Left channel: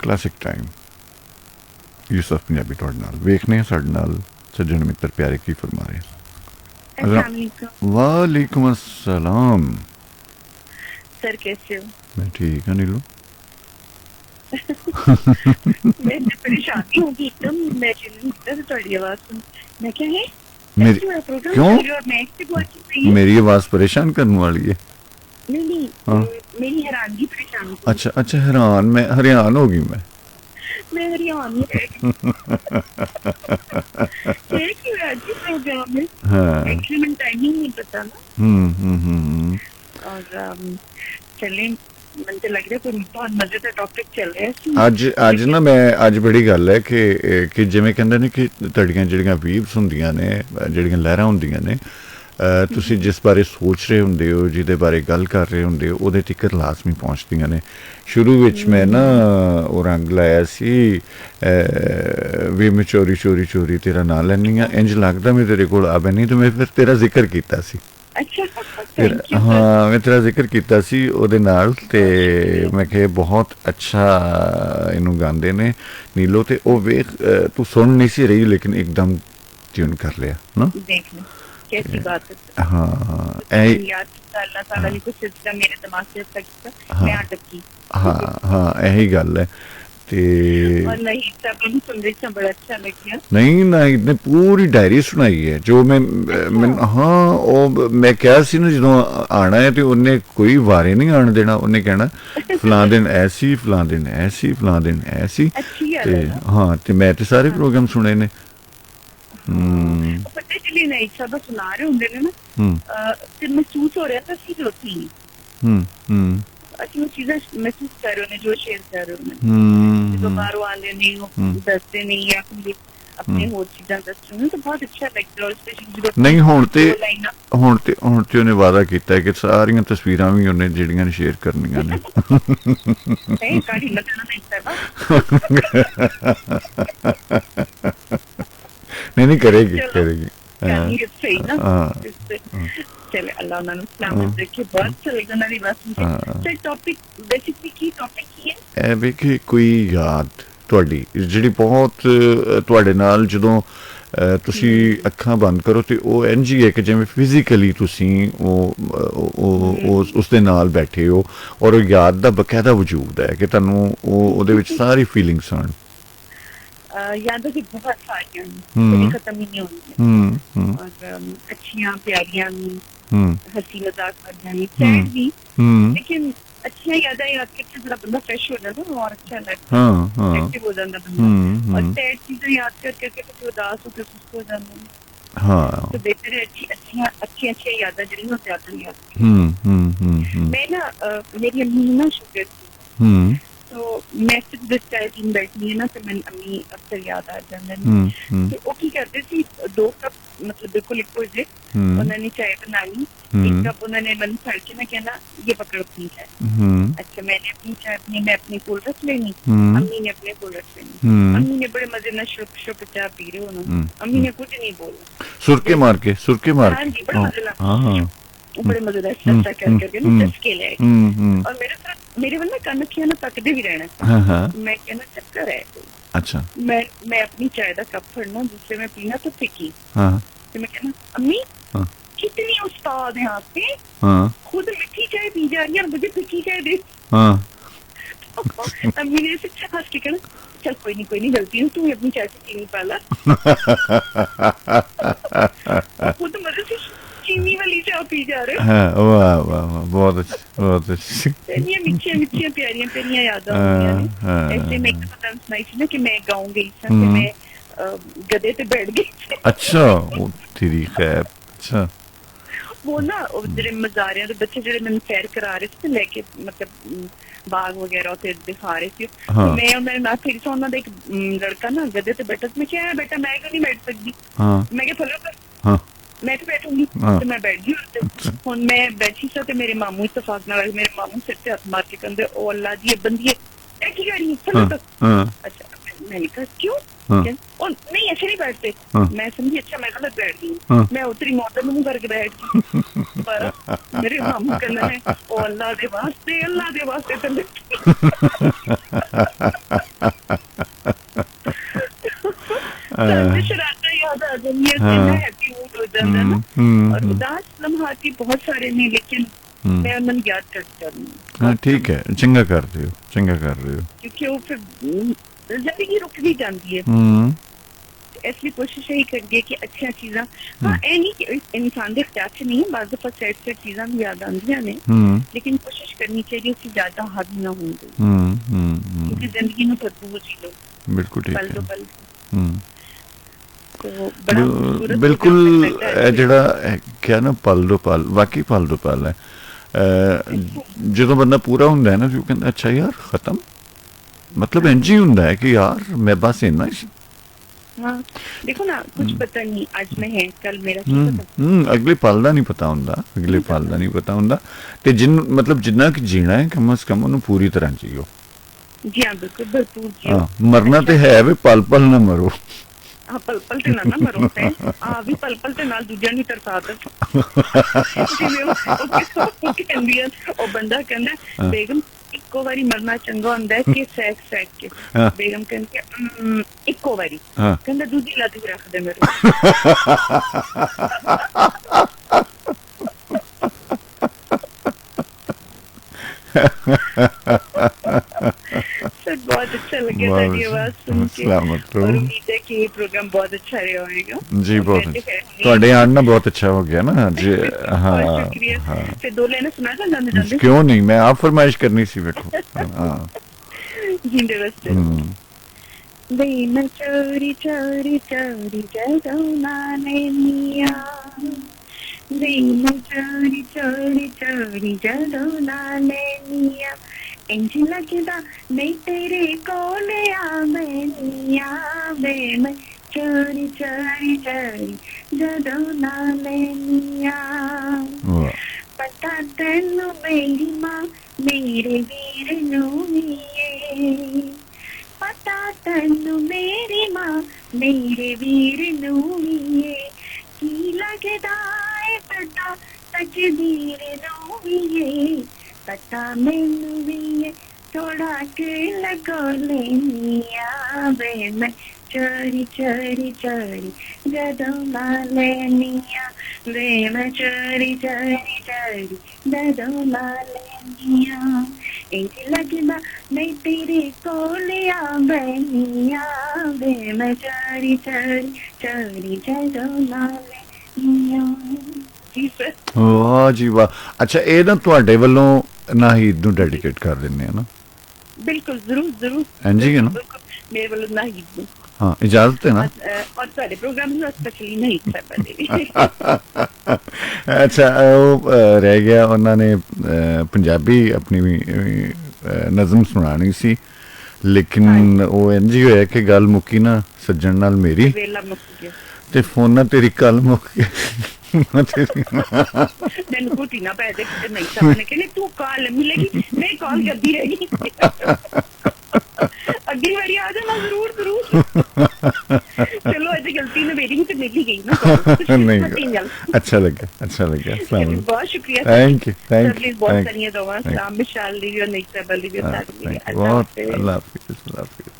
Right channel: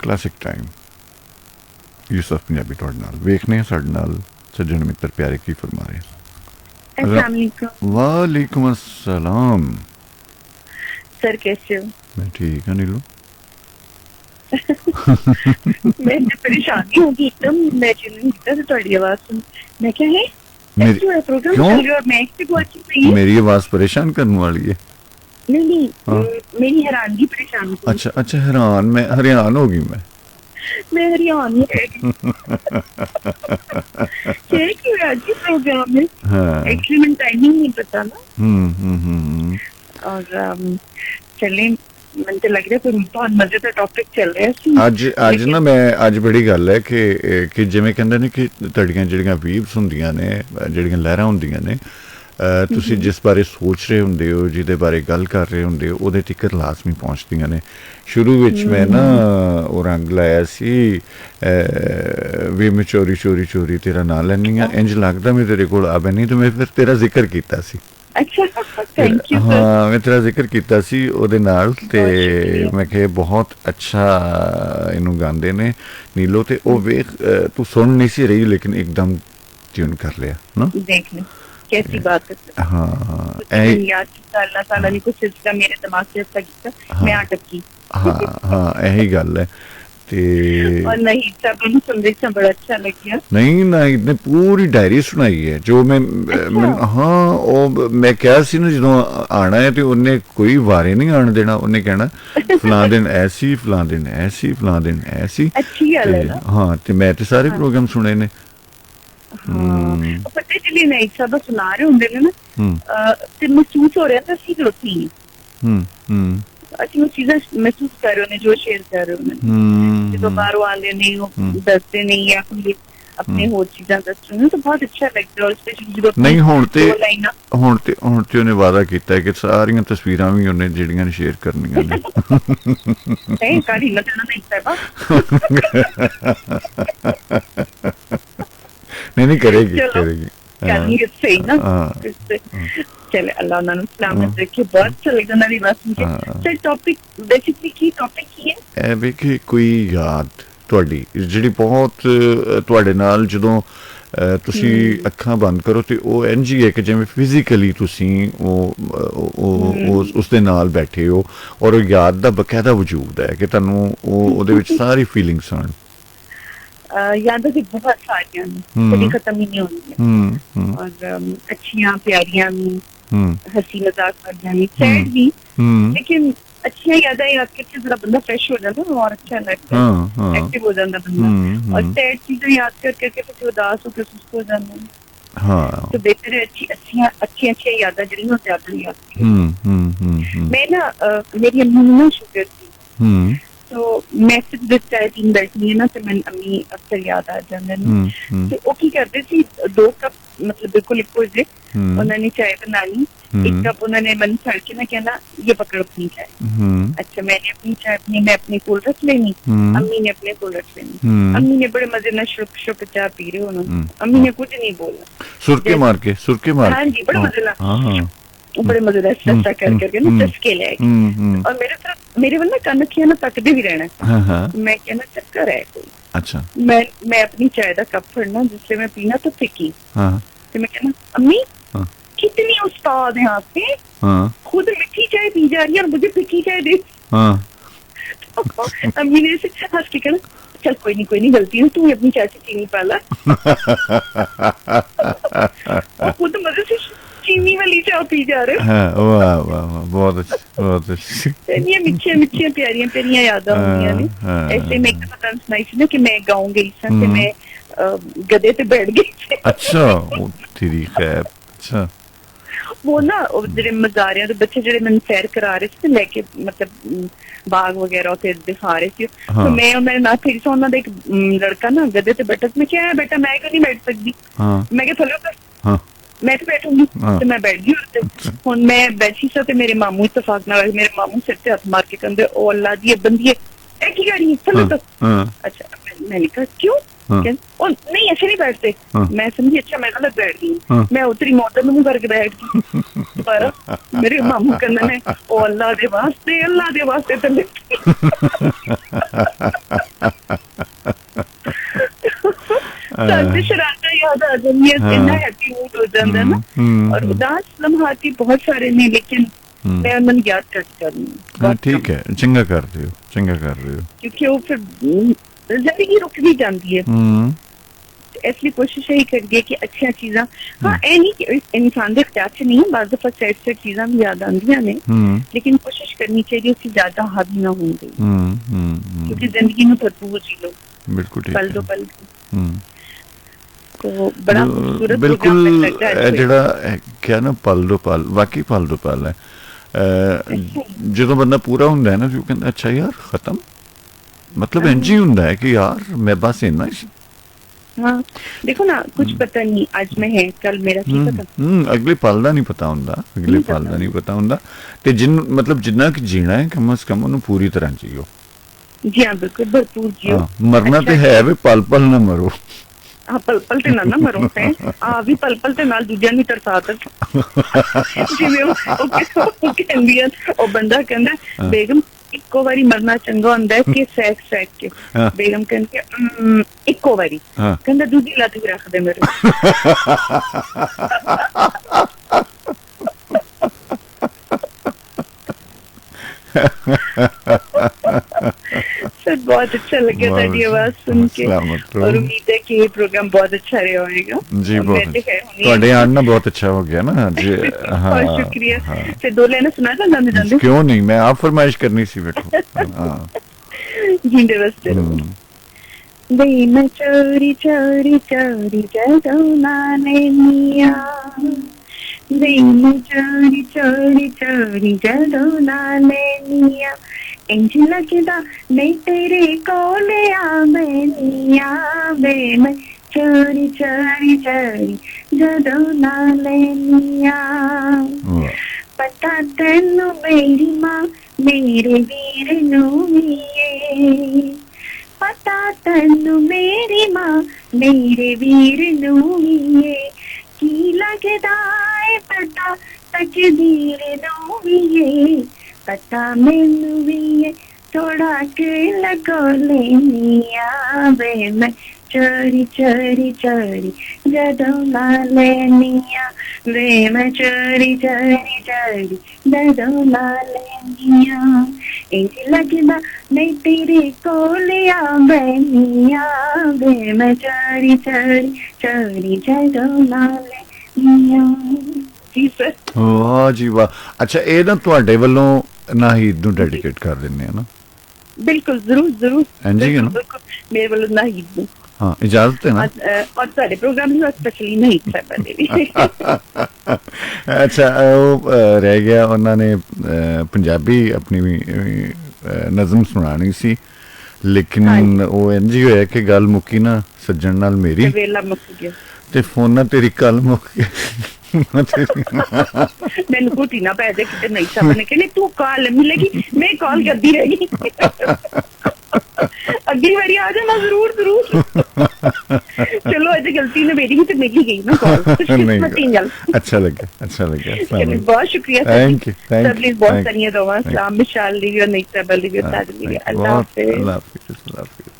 Classic time Yusuf Punjabi तुहाडे नाल वेखने साडे नाल सज्जन मित्र प्यारे की फरमा रहे। वालेकुम अस्सलाम। सर कैसे हो? मैं ठीक हाँ नीलू। मैं परेशान होगी एकदम। मैं तुम्हारी आवाज सुन मैं क्या है मेरी क्यों मैं मेरी आवाज परेशान करने वाली है? नहीं हाँ मेरी हैरानगी परेशान की। अच्छा अच्छा हैरान मैं हरियान होगी मैं हरियाण में प्रोग्राम में हाँ एक्चुअली मैंने टाइमिंग नहीं पता ना। और चले ਮੈਨੂੰ ਤਾਂ ਲੱਗ ਰਿਹਾ ਕੋਈ ਬਹੁਤ ਮਜ਼ੇ ਦਾ ਟੌਪਿਕ ਚੱਲ ਰਿਹਾ ਸੀ ਅੱਜ ਨਾ ਮੈਂ ਅੱਜ ਬੜੀ ਗੱਲ ਹੈ ਕਿ ਜਿਵੇਂ ਕਹਿੰਦੇ ਨੇ ਕਿ ਤੁਹਾਡੀਆਂ ਜਿਹੜੀਆਂ ਵੀਵਸ ਹੁੰਦੀਆਂ ਨੇ ਜਿਹੜੀਆਂ ਲਹਿਰਾਂ ਹੁੰਦੀਆਂ ਨੇ ਤੁਸੀਂ ਜਿਸ ਬਾਰੇ ਸੋਚ ਰਹੇ ਹੁੰਦੇ ਹੋ ਜਿਹਦੇ ਬਾਰੇ ਗੱਲ ਕਰ ਰਹੇ ਹੁੰਦੇ ਹੋ ਉਹਦੇ ਤੱਕ ਲਾਜ਼ਮੀ ਪਹੁੰਚਦੀਆਂ ਨੇ। ਸ਼ੁਰੂ ਵਿੱਚ ਮੈਂ ਨਾ ਉਹ ਰੰਗ ਲਾਇਆ ਸੀ ਵੀ ਮੈਂ ਚੋਰੀ ਚੋਰੀ ਚੋਰੀ ਤੇਰਾ ਨਾਂ ਲੈਂਦੀ ਹਾਂ ਇੰਝ ਲੱਗਦਾ ਮੈਂ ਤੇਰੇ ਕੋਲ ਆਵੇ ਨਹੀਂ ਤੇ ਮੈਂ ਫਿਰ ਤੇਰਾ ਜ਼ਿਕਰ ਕੀਤਾ ਸੀ। हाँ मैं तेरा जिक्र किया सी ओदे नाल ते मैं कहे बहुत अच्छा इनू गांदे ने नीलो ते ओ वेख तू सुन नहीं सी रही लेकिन एकदम ट्यून कर लिया ना। कैसी बात है। हाँ अल्लाह ताला ने कुछ सिस्टम मेरे दिमाग से मैं अटक गई। हाँ हाँ यही गल है ते नहीं ना इतने पूरी डायरी सुनाई है जो मैं हाँ वो मैं क्या सी ना जो आना है तो उन्हें कोई वारे नहीं आने देना उन्हें कहना फलां दिन ऐसी फलां दिन ऐसी फलां दिन ऐसी ते हाँ ते मैं तो सारे प्रोग्राम सुने ने। मैं एक सबक सुना रहे होंगे ना ते महसूस हो रहा था कि रोटी ਅਸੀਂ ਉਹ ਚੀਜ਼ਾਂ ਮਹਿਸੂਸ ਕਰ ਰਹੇ ਨੇ ਜੋ ਸ਼ੇਅਰ ਕਰ ਰਹੇ ਨੇ ਜਦੋਂ ਬਾਹਰੋਂ ਆਉਂਦੇ ਨਹੀਂ ਉਹ ਦੱਸਦੇ ਨਹੀਂ ਜਾਂ ਆਪਣੇ ਹੋਰ ਚੀਜ਼ਾਂ ਦੱਸਦੇ ਨੇ ਤਾਂ ਬਹੁਤ ਅੱਛਾ ਲੱਗਦਾ। ਨਹੀਂ ਹੁਣ ਤੇ ਉਹਨੇ ਵਾਅਦਾ ਕੀਤਾ ਹੈ ਕਿ ਸਾਰੀਆਂ ਤਸਵੀਰਾਂ ਵੀ ਉਹਨੇ ਜਿਹੜੀਆਂ ਨੇ ਸ਼ੇਅਰ ਕਰਨੀਆਂ ਨੇ। नहीं करेगी करेगी चले अल्लाह उन्होंने सलामत रखे बहुत चलेगा ना भी बस ते टॉपिक बेसिकली की टॉपिक है वे कि कोई याद ਤੁਹਾਡੀ ਜਿਹੜੀ ਬਹੁਤ ਤੁਹਾਡੇ ਨਾਲ ਜਦੋਂ ਤੁਸੀਂ ਅੱਖਾਂ ਬੰਦ ਕਰੋ ਤੇ ਉਹ ਇੰਝ ਹੀ ਹੈ ਕਿ ਜਿਵੇਂ ਫਿਜ਼ੀਕਲੀ ਤੁਸੀਂ ਉਸ ਦੇ ਨਾਲ ਬੈਠੇ ਹੋ ਔਰ ਉਹ ਯਾਦ ਦਾ ਬਕਾਇਦਾ ਵਜੂਦ ਹੈ ਕਿ ਤੁਹਾਨੂੰ ਉਹਦੇ ਵਿੱਚ ਸਾਰੀ ਫੀਲਿੰਗਸ ਆਣ। यादें भी बहुत सारी हैं खत्म ही नहीं होंगी और अच्छियां प्यारियां हंसी मजाक करना भी लेकिन अच्छी यादें याद करके थोड़ा बंदा फ्रेश हो जाता है और अच्छा लगता है एक्टिव हो जाता है और सैड चीजें याद करके तो उदास हो सुस्त हो जाते हैं। हाँ तो बेहतर है अच्छी यादें जड़ी होती अपनी याद। मैं ना मेरी अम्मा शुगर तो मैं सिर्फ जिस टाइप इन बैठनी है ना तो मैं अम्मी अक्सर याद आ जाते हैं तो वो की करते थी 2 कप मतलब बिल्कुल इक्वल जे उन्होंने चाय बनानी एक कप उन्होंने मन छड़ के मैं कहना ये पकड़ो अपनी चाय। अच्छा मैंने अपनी चाय मैं अपने कोल रख लेनी अम्मी ने अपने कोल रख लेनी अम्मी ने बड़े मजे में शुक शुक चाय पी रहे उन्होंने अम्मी ने कुछ नहीं बोला सुरके मार के बड़े मजेदार चर्चा करके ना चस्के ले और मेरे वाला कन किया ना तकदे भी रहना मैं कहना चक्कर है। अच्छा मैं अपनी चाय का कप फड़ना जिससे मैं पीना तो फिकी तो मैं कहना अम्मी कितनी उस्ताद है आपके खुद मीठी चाय पी जा रही है और मुझे फिकी चाय दे। अम्मी ने ऐसे हंस के कहना चल कोई नहीं गलती है तू अपनी चाय से पीनी पाला खुद मजे से चीनी वाली चाय पी जा रहे हैं। वाह वाह बहुत अच्छी ये मिठी प्यारियां तेरियां यादां ऐसे मैं पता सुनाई थी ना कि मैं गाँव गई थी मैं गधे पे बैठ गई। अच्छा तेरी खैर अच्छा वो ना जेडे मजारियां दे बच्चे जेडे मैंने सैर करा रहे थे लेके मतलब बाग वगैरह के दिखा रहे थे मेरे नाथ थी तो उन्होंने एक लड़का ना गधे पे बैठा मैं क्या बेटा मैं कभी बैठ सकती मैं क्या चलो मैं तो बैठूंगी तो मैं बैठ गई हूं मैं बैठी सा ते मेरे मामू इत्तेफाक नाल मेरे मामू सिर ते हाथ मार के कहंदे ओ अल्लाह दी बंदी है की गाड़ी चलो तो अच्छा मैंने कहा क्यों और नहीं ऐसे नहीं बैठते मैं समझी अच्छा मैं गलत बैठ गई मैं उतरी मोटर मुंह करके बैठ गई पर मेरे मामू कहना है ओ अल्लाह दे वास्ते ਹਾਂ ਠੀਕ ਹੈ, ਚੰਗਾ ਕਰਦੇ ਹੋ, ਚੰਗਾ ਕਰ ਰਹੇ ਹੋ। ਕਿਉਂਕਿ ਉਹ ਫਿਰ ਜ਼ਿੰਦਗੀ ਰੁਕ ਵੀ ਜਾਂਦੀ ਹੈ। ਇਸ ਲਈ ਕੋਸ਼ਿਸ਼ ਇਹ ਕਰਦੀ ਹੈ ਕਿ ਅੱਛੀਆਂ ਚੀਜ਼ਾਂ, ਹਾਂ ਇਹ ਨਹੀਂ ਕਿ ਇਨਸਾਨ ਦੇ ਇਖਤਿਆਰ 'ਚ ਨਹੀਂ, ਬਾਅਦ ਦਫਾ ਸੈਡ ਚੀਜ਼ਾਂ ਵੀ ਯਾਦ ਆਉਂਦੀਆਂ ਨੇ, ਲੇਕਿਨ ਕੋਸ਼ਿਸ਼ ਕਰਨੀ ਚਾਹੀਦੀ ਕਿ ਜ਼ਿਆਦਾ ਹਾਵੀ ਨਾ ਹੋਣ ਦੇ, ਕਿਉਂਕਿ ਜ਼ਿੰਦਗੀ ਨੂੰ ਭਰਪੂਰ ਜੀ ਲੋ, ਬਿਲਕੁਲ ਠੀਕ ਪਲ ਤੋਂ ਹੈ। ਪਲ। ਬਿਲਕੁਲ ਜਿਹੜਾ ਕਿਹਾ ਨਾ ਪਲ ਦੋ ਪਲ, ਵਾਕਈ ਪਲ ਦੋ ਪਲ ਹੈ। ਜਦੋਂ ਬੰਦਾ ਪੂਰਾ ਹੁੰਦਾ ਹੈ ਨਾ, ਉਹ ਕਹਿੰਦਾ ਅੱਛਾ ਯਾਰ ਖਤਮ, ਮਤਲਬ ਇੰਝ ਹੀ ਹੁੰਦਾ ਹੈ ਕਿ ਯਾਰ ਮੈਂ ਬਸ ਇੰਨਾ ਹੀ। ਹਾਂ ਦੇਖੋ ਨਾ, ਕੁਝ ਪਤਾ ਨਹੀਂ ਅੱਜ ਮੈਂ ਹੈ, ਕੱਲ ਮੇਰਾ ਅਗਲੇ ਪਲ ਦਾ ਨਹੀਂ ਪਤਾ ਹੁੰਦਾ, ਅਗਲੇ ਪਲ ਦਾ ਨਹੀਂ ਪਤਾ ਹੁੰਦਾ। ਤੇ ਮਤਲਬ ਜਿੰਨਾ ਕਿ ਜੀਣਾ ਹੈ ਕਮ ਅਜ਼ ਕਮ ਉਹਨੂੰ ਪੂਰੀ ਤਰ੍ਹਾਂ ਜੀਓ। ਜੀ ਹਾਂ ਬਿਲਕੁਲ ਭਰਪੂਰ ਜੀ। ਹਾਂ ਮਰਨਾ ਤੇ ਹੈ ਵੀ, ਪਲ ਪਲ ਨਾ ਮਰੋ। ਹਾਂ ਪਲ ਪਲ ਤੇ ਨਾ ਮਰੋ, ਆ ਵੀ ਪਲ ਪਲ ਤੇ ਨਾਲ ਦੂਜਿਆਂ ਨੂੰ ਤਰਸਾ ਤੱਕ। ਉਹ ਬੰਦਾ ਕਹਿੰਦਾ ਬੇਗਮ ਇੱਕੋ ਵਾਰੀ ਮਰਨਾ ਚੰਗਾ ਹੁੰਦਾ ਹੈ ਕਿ ਸੈਕ ਕੇ। ਬੇਗਮ ਕਹਿੰਦੇ ਇੱਕੋ ਵਾਰੀ, ਕਹਿੰਦਾ ਦੂਜੀ ਲੱਤ ਵੀ ਰੱਖ ਦੇ ਮੇਰੇ। बहुत अच्छा लगा तेरी आवाज सुन के। उम्मीद है कि ये प्रोग्राम बहुत अच्छा रहा होगा जी। बहुत ਤੁਹਾਡੇ ਆਣ ਨਾ ਬਹੁਤ ਅੱਛਾ ਹੋ ਗਿਆ ਨਾ ਅੱਜ। ਹਾਂ ਤੇ ਦੋ ਲੈਣਾ ਸੁਣਾ ਦਾਂ ਮੈਂ। ਕਿਉਂ ਨਹੀਂ, ਮੈਂ ਆਪ ਫਰਮਾਇਸ਼ ਕਰਨੀ ਸੀ ਵੇਖੋ। ਹਾਂ ਜਿੰਦੇ ਵਾਸਤੇ ਬਈ ਮੈਂ ਚੋਰੀ ਚੋਰੀ ਚੋਰੀ ਜਦੋਂ ਨਾਨੇ ਮੀਆਂ, ਬਈ ਮੈਂ ਚੋਰੀ ਚੋਰੀ ਚੋਰੀ ਜਦੋਂ ਨਾਨੇ ਮੀਆਂ, ਇੰਝ ਲੱਗਦਾ ਮੈਂ ਤੇਰੇ ਕੋਲ ਆ ਮੈਨੀਆਂ, ਵੇ ਮੈਂ ਚੋਰੀ ਚੋਰੀ ਚੋਰੀ ਜਦੋਂ ਨਾਨੇ ਮੀਆਂ। ਪਤਾ ਤੈਨੂੰ ਮੇਰੀ ਮਾਂ ਮੇਰੇ ਵੀਰ ਨੂੰ ਵੀਏ, ਪਤਾ ਤੈਨੂੰ ਮੇਰੀ ਮਾਂ ਮੇਰੇ ਵੀਰ ਨੂੰ ਵੀਏ, ਕੀ ਲੱਗਦਾ ਏ ਪਤਾ ਤਕਦੀਰ ਨੂੰ ਵੀਏ, ਪਤਾ ਮੈਨੂੰ ਵੀਏ ਥੋੜਾ ਕਿ ਲਗੋ ਲੈਨੀਆਂ, ਵੇ ਮੈਂ ਚੋਰੀ ਚੋਰੀ ਚੋਰੀ ਜਦੋਂ ਨਾ ਲੈਨੀਆਂ, ਵੇ ਮੈਂ ਚੋਰੀ ਚੋਰੀ ਚੋਰੀ ਜਦੋਂ ਨਾ ਲੈਨੀਆਂ, ਇੰਝ ਲੱਗਦਾ ਮੈਂ ਤੇਰੇ ਕੋਲ ਆ ਮੈਨੀਆਂ, ਵੇ ਮੈਂ ਚੋਰੀ ਚੋਰੀ ਚੋਰੀ ਜਦੋਂ ਨਾ ਲੈਨੀਆਂ। ਵਾਹ ਜੀ ਵਾਹ। ਅੱਛਾ ਇਹ ਨਾ ਤੁਹਾਡੇ ਵੱਲੋਂ ਨਾਹੀਦ ਨੂੰ ਡੈਡੀਕੇਟ ਕਰ ਦਿੰਦੇ ਆ ਨਾ? ਬਿਲਕੁਲ ਜ਼ਰੂਰ ਜ਼ਰੂਰ। ਹਾਂਜੀ ਹੈ ਨਾ, ਮੇਰੇ ਵੱਲੋਂ ਨਾਹੀਦ ਨੂੰ। ਹਾਂ ਇਜਾਜ਼ਤ ਹੈ ਨਾ? ਔਰ ਸਾਡੇ ਪ੍ਰੋਗਰਾਮ ਨੂੰ ਸਪੈਸ਼ਲੀ ਨਹੀਂ ਅੱਛਾ ਉਹ ਰਹਿ ਗਿਆ, ਉਹਨਾਂ ਨੇ ਪੰਜਾਬੀ ਆਪਣੀ ਨਜ਼ਮ ਸੁਣਾਣੀ ਸੀ, ਲੇਕਿਨ ਉਹ ਇੰਝ ਹੀ ਹੋਇਆ ਕਿ ਗੱਲ ਮੁੱਕੀ ਨਾ ਸੱਜਣ ਨਾਲ ਮੇਰੀ, ਤੇ ਫੋਨਾਂ ਤੇਰੀ ਕੱਲ ਮੁੱਕ ਗਈ। ਮੈਨੂੰ ਕੁੱਟੀ ਨਾ ਪੈ ਦੇ ਨਹੀਂ ਸਾਹਮਣੇ ਕਿ ਤੂੰ ਕਾਲ ਮਿਲੇਗੀ, ਮੈਂ ਕਾਲ ਕਰਦੀ ਰਹੀ। अगली बारी आ जाना जरूर जरूर। चलो आज गलती ने मेरी ही तो मेरी गई ना। नहीं अच्छा लगा, अच्छा लगा। बहुत शुक्रिया, थैंक यू थैंक यू बहुत धन्यवाद। शाम में शाल ली और नहीं सब बहुत। अल्लाह हाफिज़, अल्लाह हाफिज़।